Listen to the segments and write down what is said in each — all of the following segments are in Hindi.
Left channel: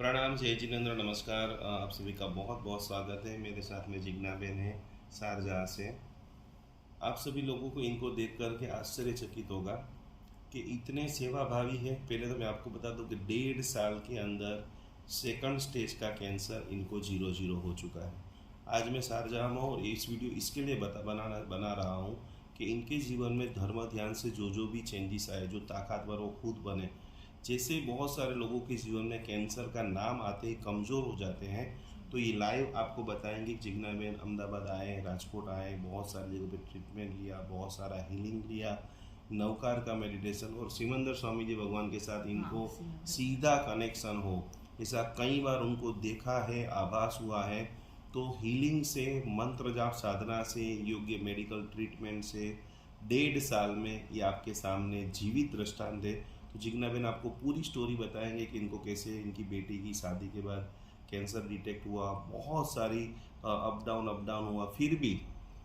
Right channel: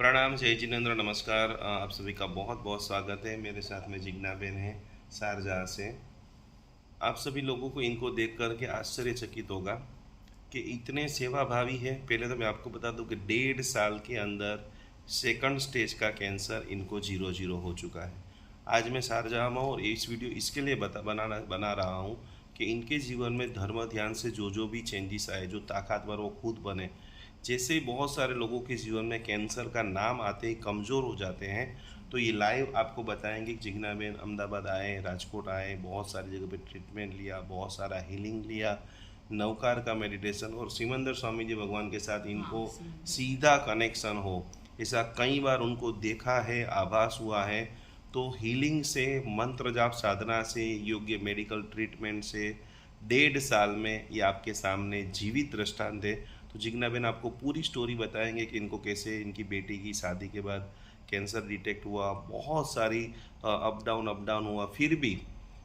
प्रणाम, जय जिनेंद्र, नमस्कार। आप सभी का बहुत बहुत स्वागत है। मेरे साथ में जिग्ना बेन है शारजाह से। आप सभी लोगों को इनको देख कर के आश्चर्यचकित होगा कि इतने सेवा भावी है। पहले तो मैं आपको बता दूं कि 1.5 साल के अंदर सेकंड स्टेज का कैंसर इनको 0-0 हो चुका है। आज मैं शारजाह में हूँ और इस वीडियो इसके लिए बना रहा हूँ कि इनके जीवन में धर्म ध्यान से जो भी चेंजेस आए, जो ताकतवर वो खुद बने। जैसे बहुत सारे लोगों के जीवन में कैंसर का नाम आते ही कमज़ोर हो जाते हैं, तो ये लाइव आपको बताएंगे कि जिग्ना बेन अहमदाबाद आए, राजकोट आए, बहुत सारी जगह पे ट्रीटमेंट लिया, बहुत सारा हीलिंग लिया, नवकार का मेडिटेशन, और सिमंदर स्वामी जी भगवान के साथ इनको सीधा कनेक्शन हो, ऐसा कई बार उनको देखा है, आभास हुआ है। तो हीलिंग से, मंत्र जाप साधना से, योग्य मेडिकल ट्रीटमेंट से 1.5 साल में ये आपके सामने जीवित दृष्टांत है। तो जिग्ना बेन आपको पूरी स्टोरी बताएंगे कि इनको कैसे इनकी बेटी की शादी के बाद कैंसर डिटेक्ट हुआ, बहुत सारी अप डाउन हुआ, फिर भी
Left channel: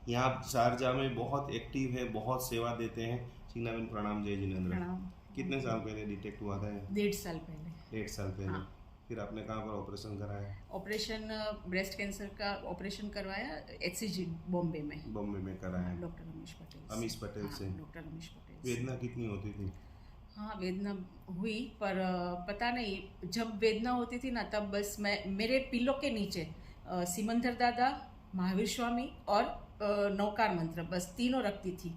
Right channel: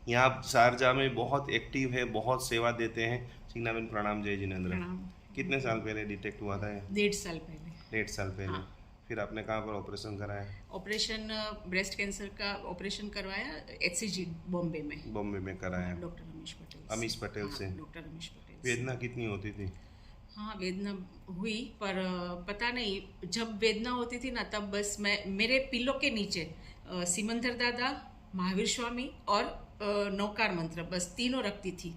यहाँ शारजाह में बहुत एक्टिव है, बहुत सेवा देते हैं। जिग्ना बेन प्रणाम, जय जिनेंद्र। प्रणाम। कितने साल पहले डिटेक्ट हुआ था ये? 1.5 साल पहले। 1.5 साल पहले। हाँ। फिर आपने कहाँ पर ऑपरेशन कराया? ऑपरेशन ब्रेस्ट कैंसर का ऑपरेशन करवाया HCG बॉम्बे में। बॉम्बे में कराया? डॉक्टर रमेश पटेल से। अमीश पटेल से। डॉक्टर रमेश पटेल से। वेदना कितनी होती थी? हाँ, वेदना हुई, पर पता नहीं, जब वेदना होती थी ना तब बस मैं मेरे पिल्लो के नीचे सिमंदर दादा, महावीर स्वामी और नौकार मंत्र, बस तीनों रखती थी।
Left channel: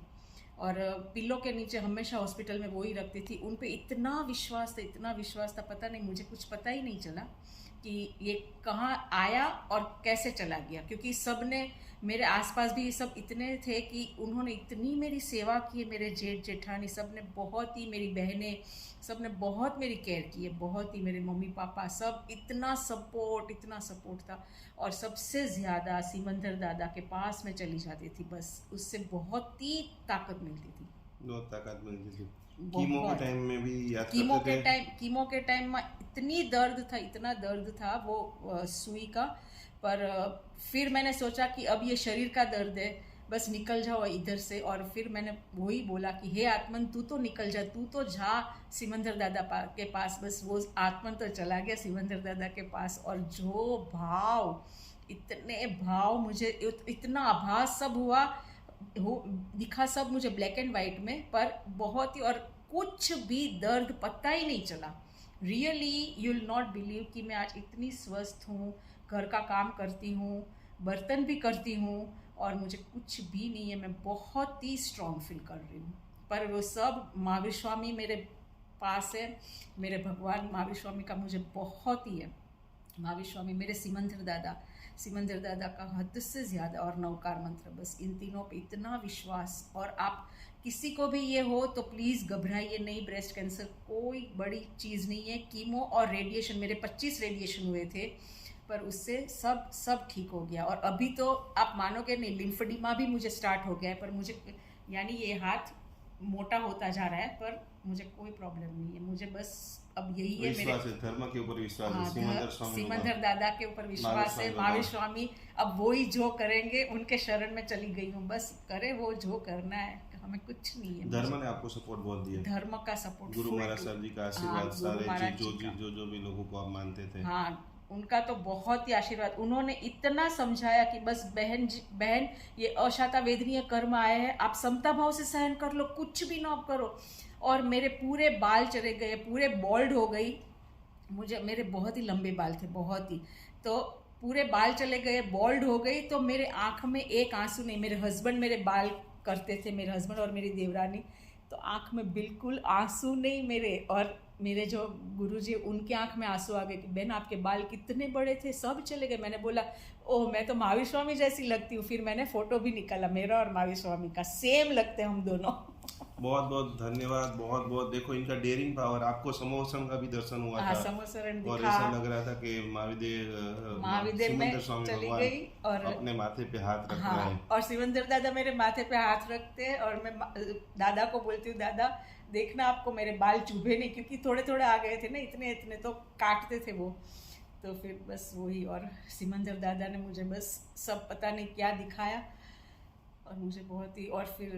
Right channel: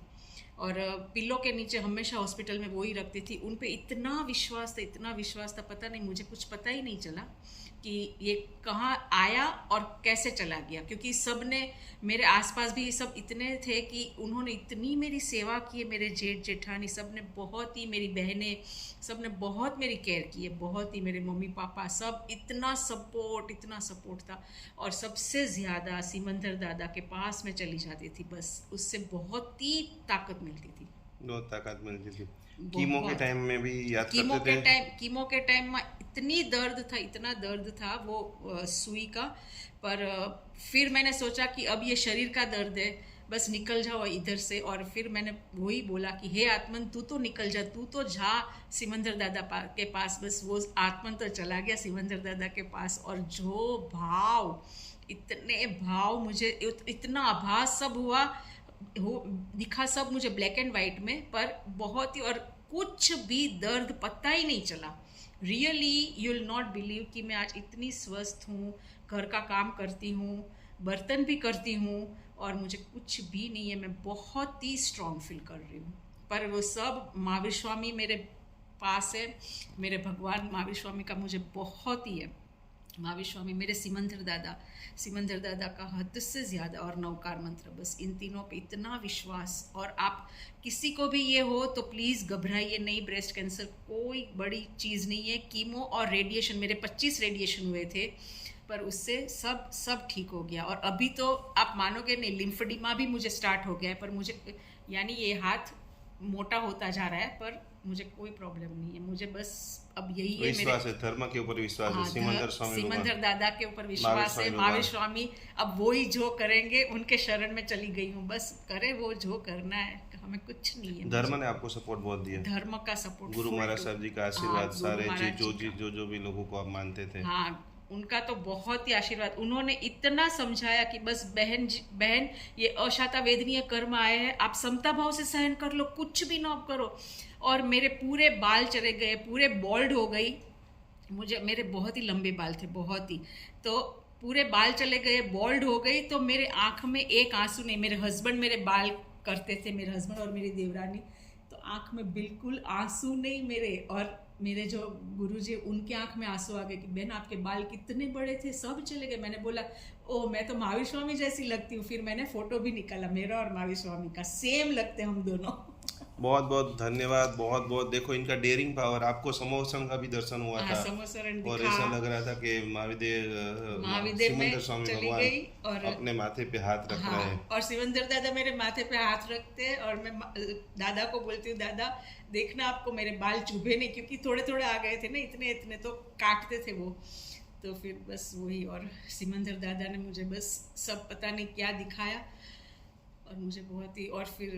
और पिल्लो के नीचे हमेशा हॉस्पिटल में वो ही रखती थी। उन पे इतना विश्वास था, पता नहीं, मुझे कुछ पता ही नहीं चला कि ये कहाँ आया और कैसे चला गया, क्योंकि सब ने, मेरे आसपास भी सब इतने थे कि उन्होंने इतनी मेरी सेवा की है। मेरे जेठ जेठानी सब ने बहुत ही, मेरी बहनें सब ने बहुत मेरी केयर की है, बहुत ही, मेरे मम्मी पापा सब, इतना सपोर्ट था। और सबसे ज़्यादा सिमंदर दादा के पास मैं चली जाती थी, बस उससे बहुत ही ताकत मिलती थी। बहुत ताकत मिलती थी। कीमो के टाइम में भी याद कीमो करते के थे? टाइम कीमो के टाइम में इतना दर्द था वो सुई का। पर फिर मैंने सोचा कि अब ये शरीर का दर्द है, बस निकल जाओ इधर से। और फिर मैंने वही बोला कि हे आत्मन, तू तो निकल जा, तू तो जा सिमंदर दादा के पास। बस वो आत्मन तो चला गया सिमंदर दादा के पास। और जो भाव, इतने भाव, मुझे इतना आभास सब हुआ, दिखा सब मुझे ब्लैक एंड वाइट में, पर बहुत ही, और कुछ भी दर्द पता ही नहीं चला। Really you will not believe कि मैं आज इतनी स्वस्थ हूँ, घर का काम करती हूँ, बर्तन भी करती हूँ, और मुझे कुछ भी नहीं है। मैं बहुत ही स्ट्रॉन्ग फील कर रही हूँ। पर वो सब महावीर स्वामी मेरे पास है, मेरे भगवान महावीर स्वामी का मुझे बहुत ही है। महावीर स्वामी, मेरे सिमंदर दादा का हद से ज़्यादा, और नवकार मंत्र, बस इन तीनों पे इतना विश्वास। और आप किसी को भी ये हो तो प्लीज़ घबराइए नहीं। ब्रेस्ट कैंसर कोई बड़ी चीज़ नहीं है। कीमो और रेडिएशन, मेरे 25 रेडिएशन हुए थे, पर उससे सब ठीक हो गया। और अभी तो आप मानोगे नहीं, लिम्फेडिमा भी मुझे स्टार्ट हो गया है, पर मुझे, यानी ये हाथ मोटा होता जा रहा है, पर मुझे कोई प्रॉब्लम नहीं है। मुझे बस अब यही है, विश्वास है, धर्म के ऊपर विश्वास है, सिमंदर दादा के ऊपर विश्वास है, महावीर स्वामी, अब वो ही जो करेंगे, उनके शरण में चली गई हूँ, बस करे वो जो करना है, हमें कुछ नहीं है। धर्म ने आपको सपोर्ट बहुत दिया। धर्म का सपोर्ट, गुरु महाराज साहब जी का आशीर्वाद, सारे जो भी लोगों को आप मानते थे। हाँ, उनका तो बहुत ही आशीर्वाद। उन्होंने इतना समझाया कि बस बहन, ये अशाता वेदनीय कर्म आए हैं, आप समता भाव से सहन कर लो, कुछ भी ना करो। और मेरे पूरे बाल चले गए, पूरे बॉल्ड हो गई। मेरे बहुत ही लंबे बाल थे, बहुत ही, तो पूरे बाल चले गए, बॉल्ड हो गई। तो मेरे आँख में एक आंसू नहीं। मेरे हस्बैंड मेरे बाल करते थे, मेरे हस्बैंड और मेरी देवरानी, तो आँख में बिल्कुल आंसू नहीं मेरे। और मेरे जो गुरुजी, उनकी आंख में आंसू आ गए कि बहन आपके बाल कितने बड़े थे, सब चले गए। मैंने बोला, ओह, मैं तो महावीर स्वामी जैसी लगती हूँ। फिर मैंने फोटो भी निकाला, मेरा और महावीर स्वामी का सेम लगते हैं हम दोनों। बहुत बहुत धन्यवाद, बहुत बहुत। देखो इनका डेयरिंग पावर, आपको समोसन का भी दर्शन हुआ था, और ऐसा लग रहा था कि महाविदेव सिमंदर स्वामी भगवान और अपने माथे पे हाथ रख रहे हैं। और सिमंदर दादा मेरे माथे पे हाथ रखते हैं, और मैं दादा को बोलती हूँ, दादा देखना आपको मेरे बाल चुभे नहीं, क्योंकि थोड़े थोड़े आ गए थे ना, इतने तो काटते थे वो। तो फिर बस वही, और सिमंदर दादा ने मुझे बस सब पता नहीं क्या दिखाया, और मुझे बहुत ही, और फिर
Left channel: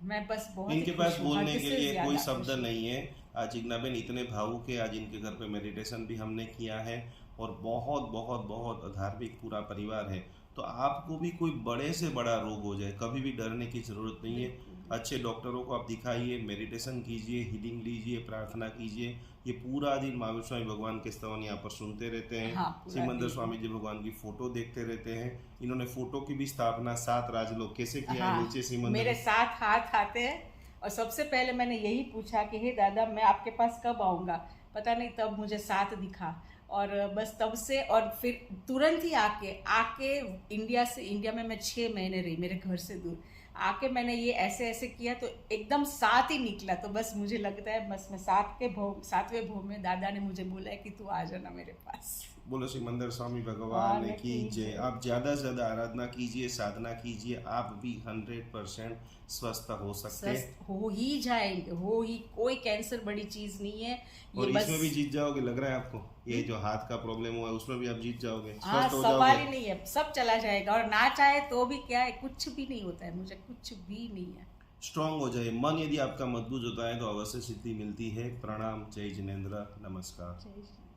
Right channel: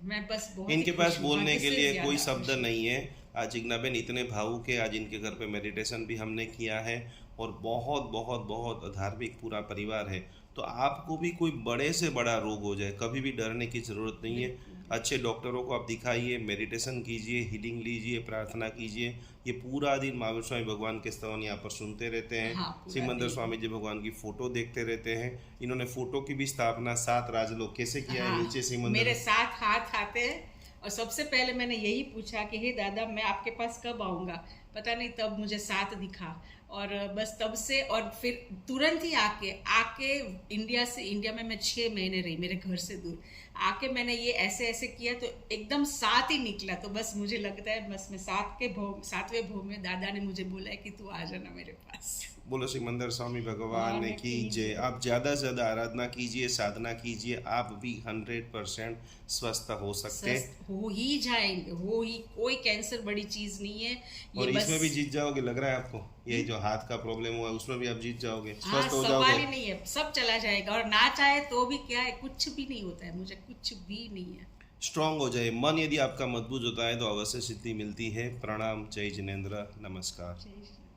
मैं बस बहुत इनके ही पास खुश हूँ, बोलने हद के से लिए ज्यादा कोई शब्द खुश हूँ। नहीं है। आज जिग्नाबेन इतने भावुक है, आज इनके घर पे मेडिटेशन भी हमने किया है और बहुत बहुत बहुत धार्मिक पूरा परिवार है। तो आपको भी कोई बड़े से बड़ा रोग हो जाए, कभी भी डरने की ज़रूरत नहीं है। बिल्कुल अच्छे डॉक्टरों को आप दिखाइए, मेडिटेशन कीजिए, हीलिंग लीजिए, प्रार्थना कीजिए। ये पूरा दिन महावीर स्वामी भगवान के स्तवन यहाँ पर सुनते रहते हैं। हाँ, पूरा सिमंदर दिन। स्वामी जी भगवान की फ़ोटो देखते रहते हैं। इन्होंने फ़ोटो की भी स्थापना 7 राजलोक कैसे किया है, नीचे हाँ, सिमंदर। मेरे 7 हाथ आते हैं। और सबसे पहले मैंने यही पूछा कि हे दादा, मैं आपके पास कब आऊँगा। पता नहीं तब मुझे 7 दिखा। और बस तब से, और फिर तुरंत ही आके आके इंडिया में मैं 6 महीने रही, मेरे घर से दूर। आके मैंने ये ऐसे ऐसे किया तो एकदम 7 ही निकला। तो बस मुझे लगता है बस मैं 7वें भोग में दादा ने मुझे बोला है कि तू आ जाना मेरे पास। बोलो सिमंदर स्वामी भगवान भगवान की की जय। जय। आप ज़्यादा से ज़्यादा आराधना कीजिए, साधना कीजिए, आप भी 100% स्वस्थ हो सकते हैं। स्वस्थ हो ही जाएंगे, हो ही। कोई कैंसर बड़ी चीज नहीं है ये, और बस। इसमें भी जीत जाओगे लग रहा है आपको। ये जो हाथ का प्रॉब्लम हुआ है उसमें भी आप जीत जाओगे, हाँ, स्वस्थ हो सवाल जाओगे। ही नहीं है, सब चला जाएगा। और ना चाहे तो भी क्या है, कुछ भी नहीं होता है, मुझे कुछ भी नहीं है। स्ट्रांग हो जाए मन, यदि आपका मजबूत होता है तो अवश्य सिद्धि मिलती है। प्रणाम, जय जिनेन्द्र, नमस्कार। जय श्री